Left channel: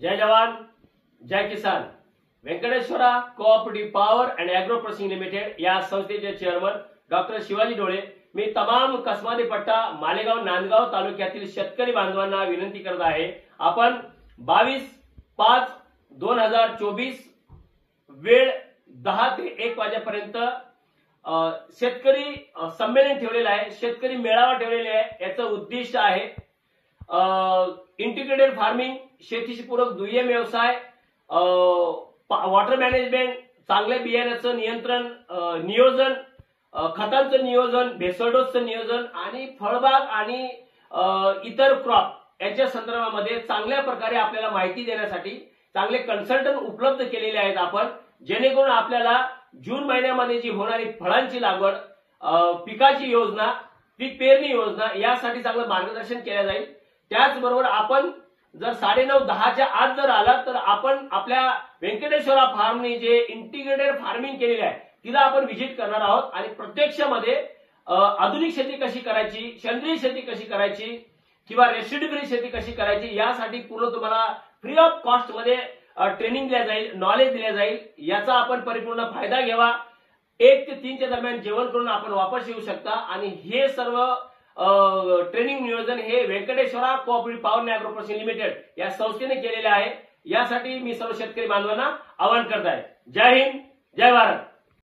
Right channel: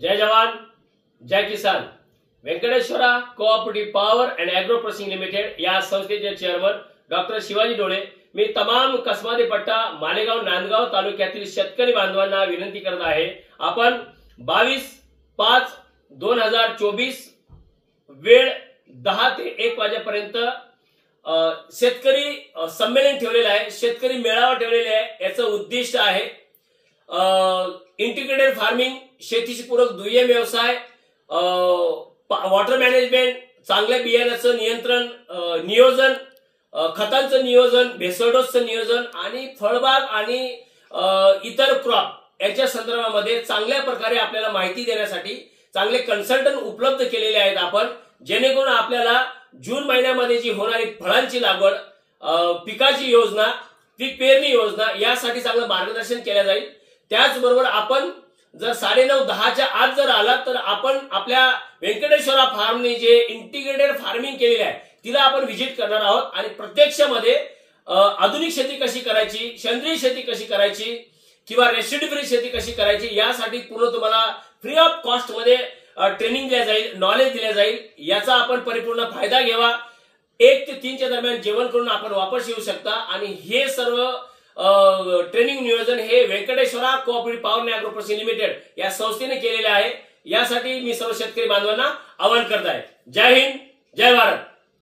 जय जवान जय किसान। Venkateshwara cooperative power and agro processing limited या संस्थेचे चेअरमन डॉक्टर शिवाजी डोळे मी तमाम कसमादी पट्टा मालेगाव नांदगाव तालुक्यातील शेतकरी बांधवांना विनंती करत आहे। आपण 22/5/2024 वेळ 10 ते 1 वाजेपर्यंत शेतकरी संमेलन ठेवलेलं आहे, शेतकरी मेळावा ठेवलेला आहे। याचं उद्दिष्ट आहे इंटिग्रेटेड फार्मिंग, शेतीशी पूरक दुय्यम व्यवसाय, वॉटर मॅनेजमेंट, चांगल्या बियाण्याचं नियंत्रण नियोजन, खतांचं नियोजन, भेसळडोसचं नियोजन आणि फळबाग आणि इतर क्रॉप यांच्या संदर्भामध्ये चांगल्या प्रकारे आपल्याला माहिती देण्यासाठी चांगले कन्सल्टंट उपलब्ध केलेले आहेत आपण, जेणेकरून आपल्याला जून महिन्यामध्ये जी होणारी फळांची लागवड, पिकाची योजना, पीक पेरणी योजना यासाठी चांगलं मार्गदर्शन केले जाईल। त्याचबरोबर आपण जर 9:30-10च्या आत जर आला तर आपण आपल्या व्यंकटेश्वरा फार्मने जे इंटिग्रेटेड फार्मिंग केलेली आहे तिला आपण व्हिजिट करणार आहोत आणि प्रत्यक्षामध्ये आधुनिक शेती कशी करायची, सेंद्रिय शेती कशी करायची किंवा रेसिड्यू फ्री शेती कशी करायची यासाठी पूर्ण तुम्हाला फ्री ऑफ कॉस्ट मध्ये ट्रेनिंग दिल्या जाईल, नॉलेज दिले जाईल। याचा आपण परिपूर्ण फायदा घ्यावा। 1 ते 3च्या दरम्यान जेवण करून आपण वापस येऊ शकता आणि हे सर्व ट्रेनिंग नियोजन हे Venkateshwara cooperative power and agro processing limited या संस्थेने केलेले आहे। यासाठी मी सर्व शेतकरी बांधवांना आवाहन करत आहे। जय हिंद जय भारत।